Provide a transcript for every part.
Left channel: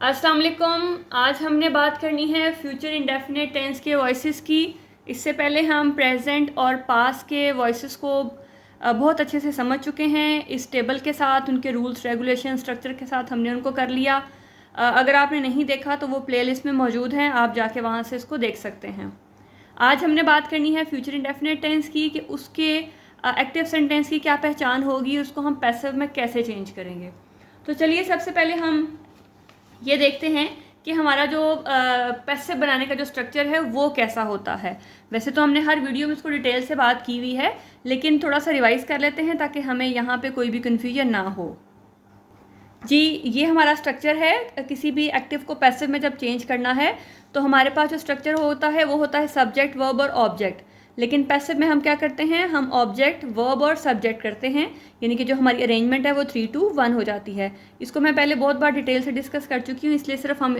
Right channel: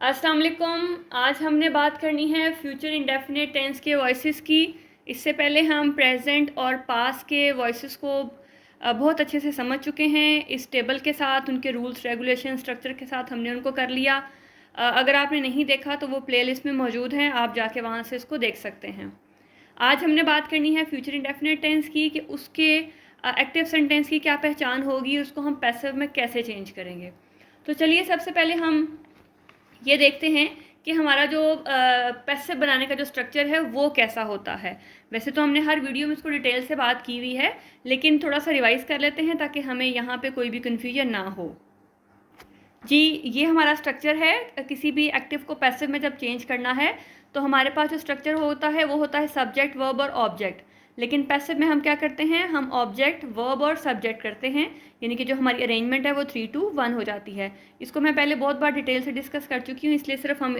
अस्सलाम वालेकुम। आज हमने बात करनी है फ्यूचर इंडेफिनिट टेंस के वॉइसेस की। इससे पहले हम प्रेजेंट और पास्ट के वॉइसेस को बहुत अच्छे से समझ चुके हैं। इस टेबल के साथ उनके रूल्स रेगुलेशन स्ट्रक्चर के साथ हमने उनको कर लिया। अगर आपने नहीं देखा तो वो प्लेलिस्ट में मौजूद हैं, आप जाके वहाँ से इसको देख सकते हैं। आज हमने बात करनी है फ्यूचर इंडेफिनिट टेंस की कि उसके एक्टिव सेंटेंस की क्या पहचान होगी, उसको हम पैसिव में कैसे चेंज करेंगे। तो चलिए सबसे पहले हम ये देखते हैं कि हमारा जो पैसिव बनाने का जो स्ट्रक्चर है वो कैसा होता है। वैसे तो हमने हर वीडियो में इसको डिटेल से बात की हुई है, लेकिन थोड़ा सा रिवाइज कर लेते हैं ताकि हमें यहाँ पे कोई भी कन्फ्यूजन ना हो। जी, ये हमारा स्ट्रक्चर है। किसी भी एक्टिव को पैसिव में जब चेंज करना है तो हमारे पास जो स्ट्रक्चर होता है वो होता है सब्जेक्ट, वर्ब और ऑब्जेक्ट। लेकिन पैसिव में हम क्या करते हैं, हम ऑब्जेक्ट, वर्ब और सब्जेक्ट करते हैं, यानी कि जो हमारी अरेंजमेंट है वो 3-2-1 हो जाती है। इसको मैं पहले बहुत बार डिटेल से डिस्कस कर चुकी हूँ, इसलिए सिर्फ हम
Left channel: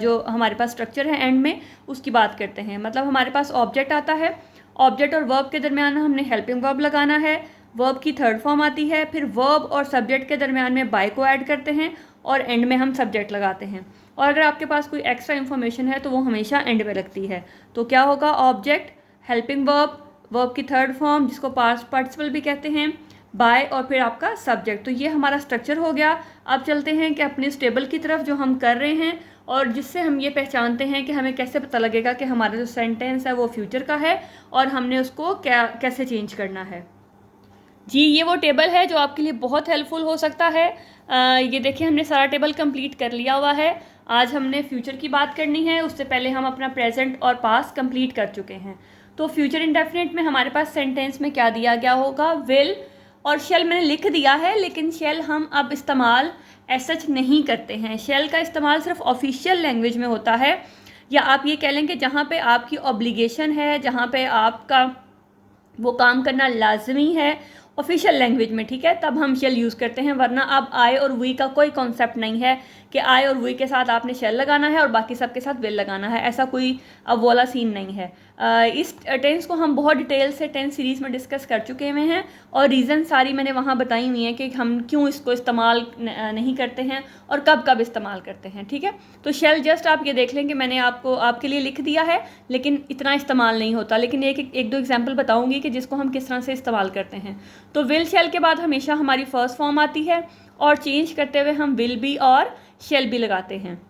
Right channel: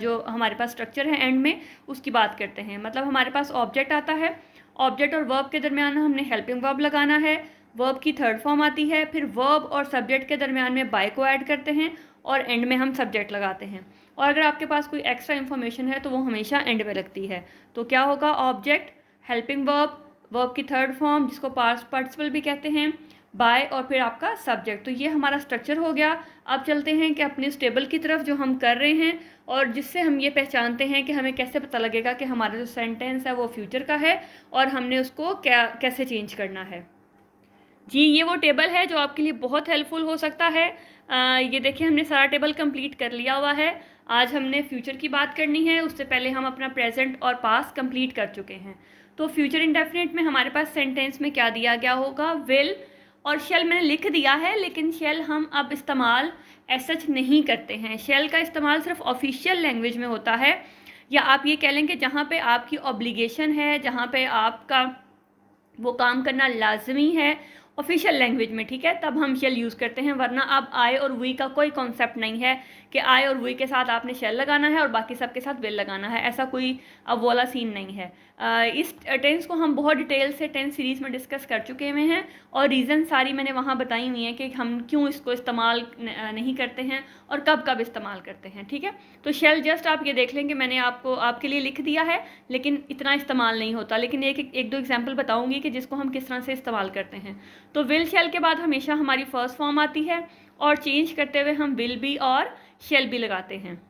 जो हमारे पास स्ट्रक्चर है एंड में उसकी बात करते हैं। मतलब हमारे पास ऑब्जेक्ट आता है, ऑब्जेक्ट और वर्ब के दरमियान हमने हेल्पिंग वर्ब लगाना है, वर्ब की थर्ड फॉर्म आती है, फिर वर्ब और सब्जेक्ट के दरमियान में बाय को ऐड करते हैं और एंड में हम सब्जेक्ट लगाते हैं। और अगर आपके पास कोई एक्स्ट्रा इन्फॉर्मेशन है तो वो हमेशा एंड में लगती है। तो क्या होगा, ऑब्जेक्ट, हेल्पिंग वर्ब, वर्ब की थर्ड फॉर्म जिसको पास्ट पार्टिसिपल भी कहते हैं, बाय और फिर आपका सब्जेक्ट। तो ये हमारा स्ट्रक्चर हो गया। अब चलते हैं कि अपने इस टेबल की तरफ जो हम कर रहे हैं और जिससे हम ये पहचानते हैं कि हमें कैसे पता लगेगा कि हमारा जो सेंटेंस है वो फ्यूचर का है और हमने उसको कैसे चेंज करना है। जी, ये वो टेबल है जो आपके लिए बहुत हेल्पफुल हो सकता है। ये देखिए, हमने सारा टेबल कंप्लीट कर लिया हुआ है। आज हमने फ्यूचर की बात करनी है, उससे पहले हम अपना प्रेजेंट और पास्ट कंप्लीट कर चुके हैं। तो फ्यूचर इंडेफिनिट में हमारे पास सेंटेंस में क्या दिया गया होगा, विल और शेल मैंने लिख दिया है, लेकिन शेल हम अब इस्तेमाल सच नहीं करते हैं। शेल का इस्तेमाल सिर्फ ऑफिशियल लैंग्वेज में होता है, या आप ये कह लें कि जहाँ पे आपकी ऑब्लिगेशन है, जहाँ पे आपका वो काम करना लाजमी है ऑफिशियल लैंग्वेज में, ठीक है, तब हम शेल यूज़ करते हैं। वरना अब आई और वी का कोई कॉन्सेप्ट नहीं है कि आई और वी के साथ आपने शेल लगाना है और बाकी सब के साथ विल लगाना है, ऐसा कोई अब वाला सीन नहीं है। इस टेंस को हम बहुत डिटेल से टेंस सीरीज़ में डिस्कस कर चुके हुए हैं और रीज़न सारी मैंने वहाँ बताई हुई है कि हम क्यों इसको इस्तेमाल नहीं करते हैं और कब कब इस्तेमाल करते हैं, ठीक है। तो शेल जस्ट आप ये देख लें कि मैंने आपको आपके लिए लिख दिया है, लेकिन इतना इस्तेमाल नहीं होता। लेकिन एक दो एग्जाम्पल बताऊँगी कि जिसको हम किस तरह से इस्तेमाल करते हैं। तो विल शेल के बाद हमेशा हमारी फर्स्ट फॉर्म आती है और चेंज करते हुए हम विल बी और शेल बी लगाते हैं,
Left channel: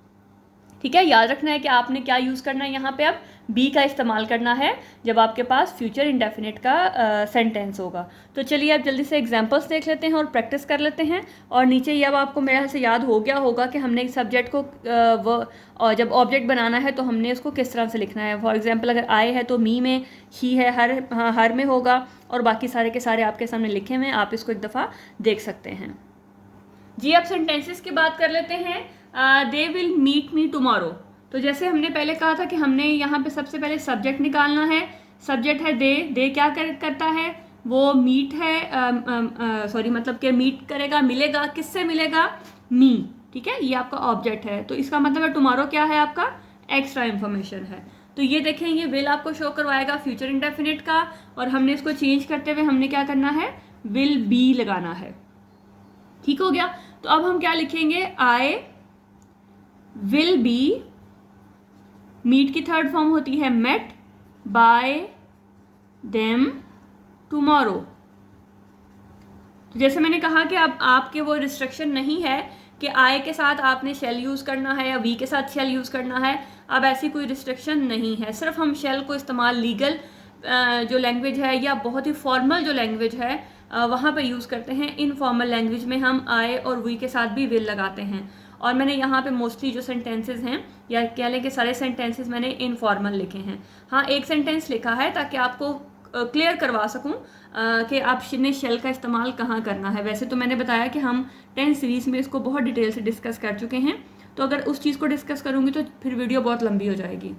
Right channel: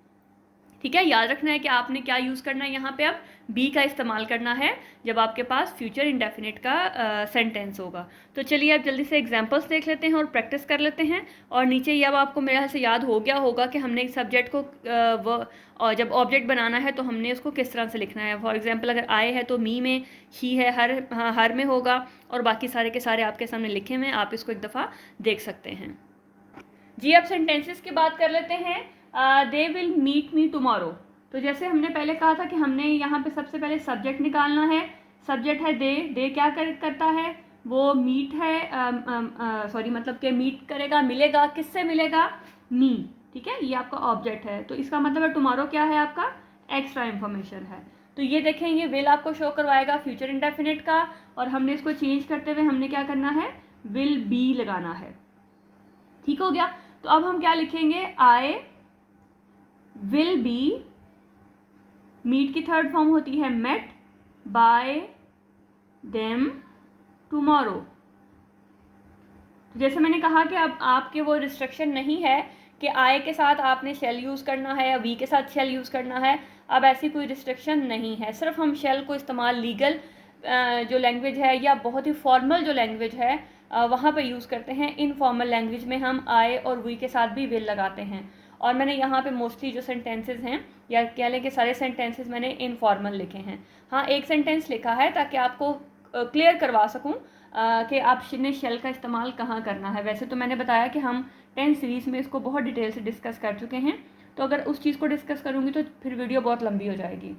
ठीक है। याद रखना है कि आपने क्या यूज़ करना है, यहाँ पे अब बी का इस्तेमाल करना है जब आपके पास फ्यूचर इंडेफिनिट का सेंटेंस होगा। तो चलिए अब जल्दी से एग्जांपल्स देख लेते हैं और प्रैक्टिस कर लेते हैं। और नीचे ये अब आपको मेरे ख्याल से याद हो गया होगा कि हमने सब्जेक्ट को और जब ऑब्जेक्ट बनाना है तो हमने उसको किस तरह से लिखना है। फॉर एग्जाम्पल अगर आए है तो मी में, ही है हर में होगा और बाकी सारे के सारे आपके सामने लिखे हुए हैं, आप इसको एक दफ़ा देख सकते हैं। जी, अब सेंटेंसेस की बात कर लेते हैं। They will meet me tomorrow. तो जैसे हमने पहले कहा था कि हमने यहाँ पे सबसे पहले सब्जेक्ट निकालना है। सब्जेक्ट है दे क्या करता है, वो मीट है, सॉरी मतलब कि मीट करेगा, मिलेगा, किससे मिलेगा, मी, ठीक है, ये आपका ऑब्जेक्ट है। तो इसका मतलब है टुमारो क्या है, आपका एक्स्ट्रा इन्फॉर्मेशन है। तो ये देखें, ये विल आपको शो करवाएगा फ्यूचर इंडेफिनिट का, और हमने इसको चेंज करते हुए हमने क्या करना है, विल बी लगाना है, ठीक हो गया। तो अब हम क्या लिखेंगे, आई विल बी, मीट की थर्ड फॉर्म होती है मेट, बाय देम टुमारो। तो जैसे मैंने कहा कि अब आपके वो रिस्ट्रिक्शन नहीं है कि आई के साथ आपने शेल यूज़ करना है या वी के साथ शेल यूज़ करना है। अब ऐसी कोई रिस्ट्रिक्शन नहीं है, सिर्फ हम शेल को इस्तेमाल लीगल जो लैंग्वेज है या बहुत ही फॉर्मल जो लैंग्वेज है वहाँ पे यूज़ करते हैं। इनफॉर्मल लैंग्वेज में हम आई और वी के साथ भी विल लगाते हैं। और मैंने यहाँ पे मोस्टली जो सेंटेंसेस हैं, या कह लें कि सारे सेंटेंसेस मैंने इनफॉर्मल लिखे हैं। हाँ, एक सेंटेंस लिखा है ताकि आपको क्लियर करवा सकूँ कि आपने शेल का इस्तेमाल कहाँ करना है। वैसे तो मैंने बताया कि हम टेंस सीरीज़ में इसको बहुत डिटेल से डिस्कस कर चुके हैं, तो अगर उस चीज़ को डिस्कस करूँगी तो फिर वीडियो बहुत लंबी हो जाएगी।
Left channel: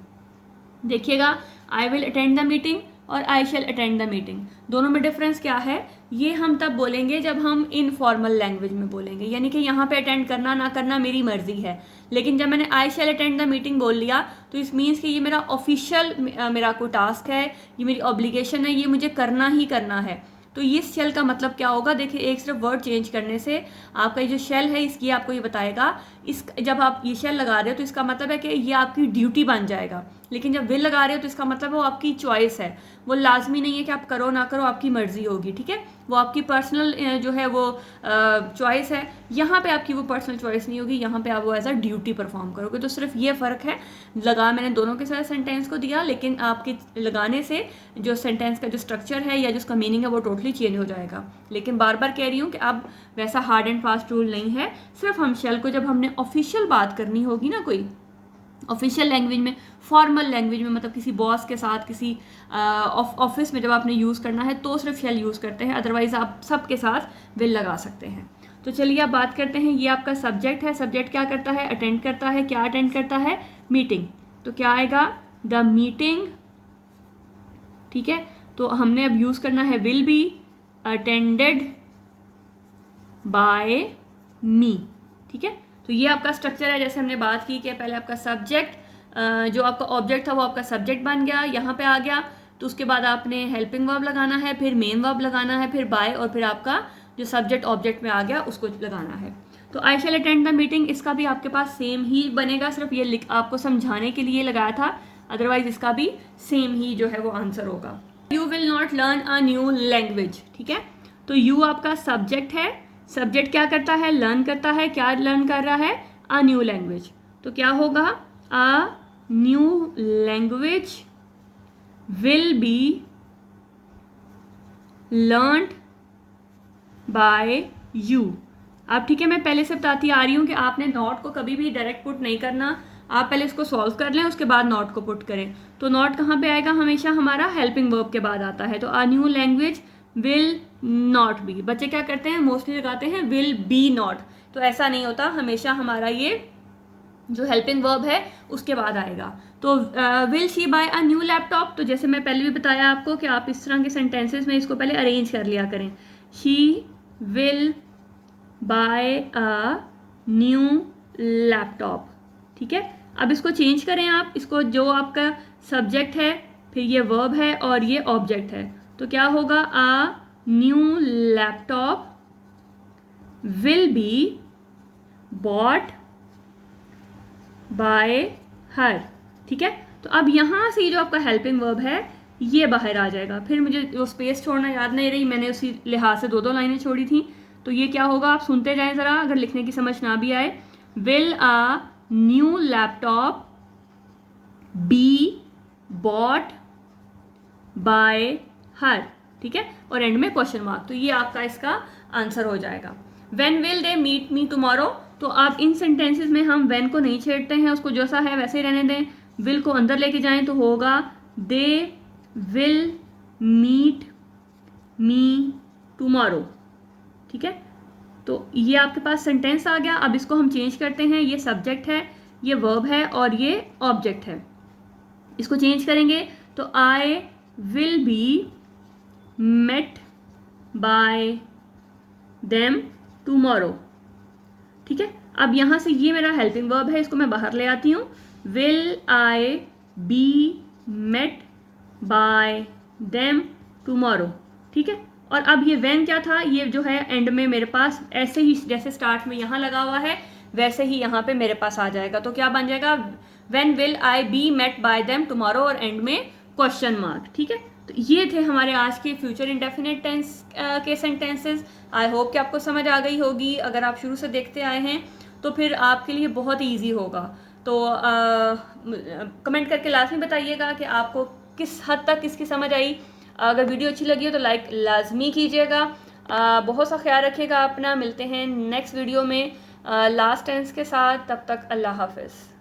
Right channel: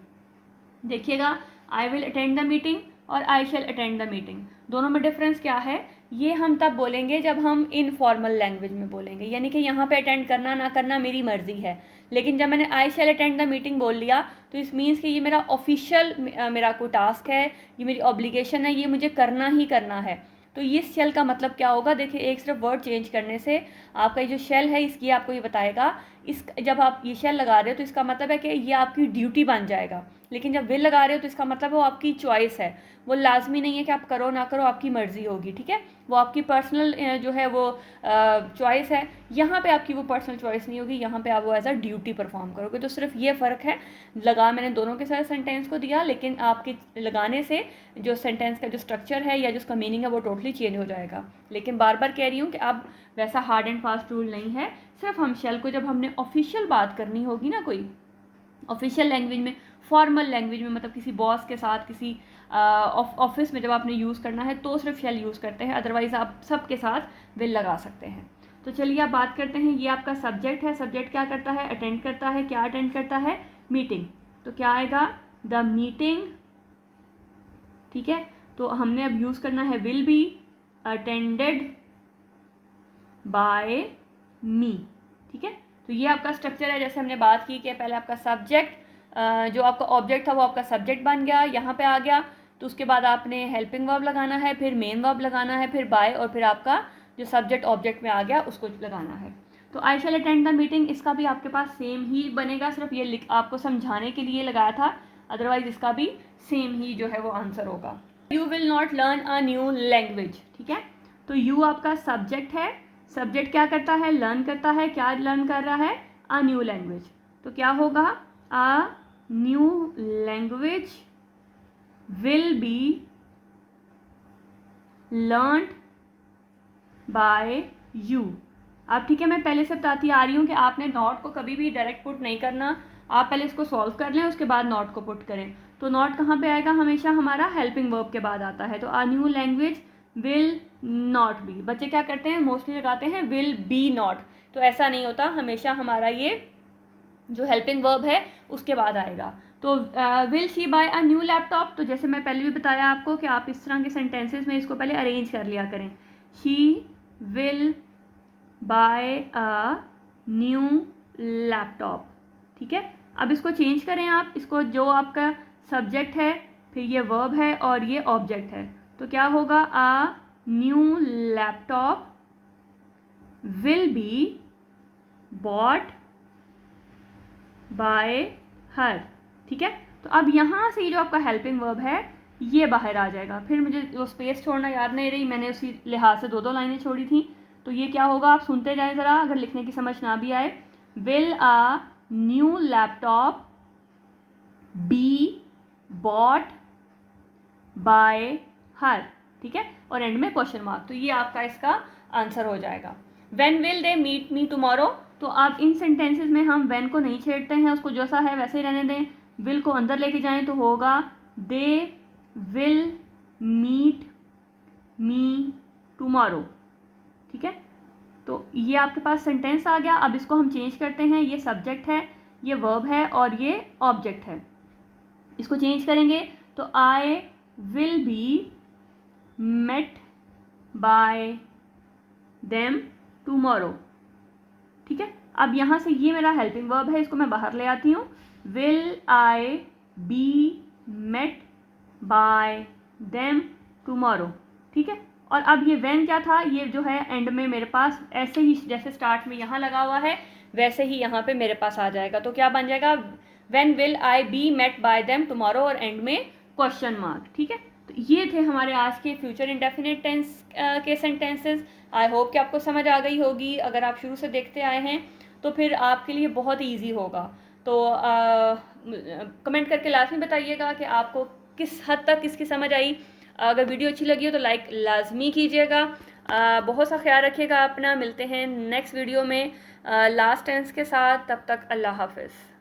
देखिएगा, I will attend the meeting और आई शैल अटेंड द मीटिंग, दोनों में डिफरेंस क्या है, ये हम तब बोलेंगे जब हम इनफॉर्मल लैंग्वेज में बोलेंगे, यानी कि यहाँ पे अटेंड करना ना करना मेरी मर्जी है। लेकिन जब मैंने आई शैल अटेंड द मीटिंग बोल लिया तो इस मीन्स कि ये मेरा ऑफिशियल मेरा कोई टास्क है, ये मेरी ऑब्लिगेशन है, ये मुझे करना ही करना है। तो ये शेल का मतलब क्या होगा, देखिए एक सिर्फ वर्ड चेंज करने से आपका ये जो शेल है इसकी आपको ये बताएगा, इस जब आप ये शेल लगा रहे हो तो इसका मतलब है कि ये आपकी ड्यूटी बन जाएगा, लेकिन जब विल लगा रहे हो तो इसका मतलब है वो आपकी चॉइस है, वो लाजमी नहीं है कि आप करो ना करो, आपकी मर्जी होगी, ठीक है, वो आपकी पर्सनल जो है वो चॉइस है। यहाँ पे आपकी वो पर्सनल चॉइस नहीं होगी, यहाँ पे आप वो एज अ ड्यूटी परफॉर्म करोगे। तो सिर्फ ये फ़र्क है, लगा मैंने दोनों के साथ सेंटेंस को दिया, लेकिन आपके लगाने से जो सेंटेंस का जो स्ट्रक्चर है या जिसका मीनिंग है वो टोटली चेंज हो जाएगा। लेकिन बार बार कह रही हूँ कि अब वैसा हार्ड एंड फास्ट रूल नहीं है, सिर्फ हम शेल को जब हमने ऑफिशियल बात करनी होगी ना, कोई ऑफिशियल लैंग्वेज में, फॉर्मल लैंग्वेज में, मतलब किसी बॉस के साथ, किसी ऑफिस में जब आपने यूज़ करना है तो सिर्फ शेल यूज़ करते हैं, अदरवाइज आप सबके साथ विल लगा सकते हैं। तो चलिए आप बात करते हैं, ये आपका सब्जेक्ट है, सब्जेक्ट क्या करता है, अटेंड करता है, क्या अटेंड करता है, मीटिंग, तो क्या आएगा, द मीटिंग, ठीक है। तो हमने अब यूज़ करना है विल बी अटेंडेड बाय मी, ठीक है। तो ये आपका स्ट्रक्चर है, जैसे हमने बात की कि पहले आपका सब्जेक्ट, जो आपका ऑब्जेक्ट था वो आपका सब्जेक्ट बन गया, यहाँ पे आ गया, तो उसके बाद आपने हेल्पिंग वर्ब लगाना है, फिर मेन वर्ब लगाना है, फिर बाय, और फिर आपका जो सब्जेक्ट ऑब्जेक्ट में आ गया उसको लगाना है। तो आई शैल अटेंड द मीटिंग, इसका भी आपके पास सेम ही बनेगा, सिर्फ ये आपको समझाने के लिए लगाया था, अदरवाइज इसका भी सेम ही जो है वो आंसर होगा। You will not learn a new language, ठीक है। तो यू आपका सब्जेक्ट है, सब्जेक्ट क्या करता है, लर्न करता है, क्या लर्न कर रहा है, अ न्यू लैंग्वेज, तो क्या होगा, a new language will be learned by you. अब ठीक है, मैं पहले से बताती आ रही हूँ कि आपने नॉट को कभी भी डायरेक्ट पुट नहीं करना, आप पहले इसको सॉल्व कर लें, उसके बाद नॉट को पुट करें। तो नॉट कहाँ पे आएगा, हमेशा हमारा हेल्पिंग वर्ब के बाद आता है, तो अ new language will not be, बच्चे क्या करते हैं मोस्टली लगाते हैं विल बी नॉट, तो ऐसा नहीं होता, हमेशा हमारा ये जो हेल्पिंग वर्ब है उसके बाद आएगा। तो will she buy a new laptop, तो जैसे मैं पहले भी बताया आपको कि आप इस तरह के सेंटेंसेस में इसको पहले अरेंज कर लिया करें, she will buy a new laptop, ठीक है। अब इसको चेंज करें आप, इसको जो आपका सब्जेक्ट है, फिर ये वर्ब है और ये ऑब्जेक्ट है, तो क्या होगा, a new laptop will be bought by हर, ठीक है। तो अब यहाँ से जो आपका हेल्पिंग वर्ब है ये बाहर आ जाएगा, फिर मुझे जो स्पेस छोड़ना याद नहीं रही, मैंने उसी लिहाज से दो लाइनें छोड़ी थी, तो ये क्या होगा, आप सुनते जाएं ज़रा, अगर लिखने की समझ ना भी आए, will a new laptop be bought by हर, ठीक है, और एंड में क्वेश्चन मार्क, तो ये आपका इसका आंसर हो जाएगा। When will they meet me tomorrow, तो आप इन सेंटेंसेस में हम व्हेन को नहीं छेड़ते हैं, उसको जैसा है वैसे ही रहने दें, विल को अंदर लेके जाएं तो होगा they will meet me tomorrow, ठीक है। तो ये आपके पास सेंटेंस आ गया। अब इसको हम चेंज करते हैं, ये सब्जेक्ट है, ये वर्ब है और ये ऑब्जेक्ट है, इसको चेंज करेंगे तो I will be met by them tomorrow, ठीक है। अब यहाँ से ये मेरा हेल्पिंग वर्ब है, इसको मैं बाहर ले आती हूँ, will I be met by them tomorrow, ठीक है। और अब ये व्हेन क्या था, ये जो है एंड में मेरे पास ऐसे ही जैसे स्टार्ट में यहाँ लगा हुआ है वैसे ही यहाँ पे मेरे पास आ जाएगा, तो क्या बन जाएगा, when will I be met by them tomorrow और एंड में क्वेश्चन मार्क, ठीक है। तो ये थे हमारे आज के फ्यूचर इंडेफिनिट टेंस के सेंटेंसेस। आई होप कि आपको समझ आ गई होगी, अगर आप शुरू से देखते आए हैं तो फिर आपके लिए बहुत ही ईजी होगा। तो कमेंट करके लाजमी बताइएगा कि आपको किस हद तक इसकी समझ आई। अगर वीडियो अच्छी लगी हो तो लाइक लाजमी कीजिएगा। बहुत सा ख्याल रखिएगा अपना, मिलते हैं नेक्स्ट वीडियो में लास्ट टेंस के साथ, तब तक अल्लाह हाफिज़।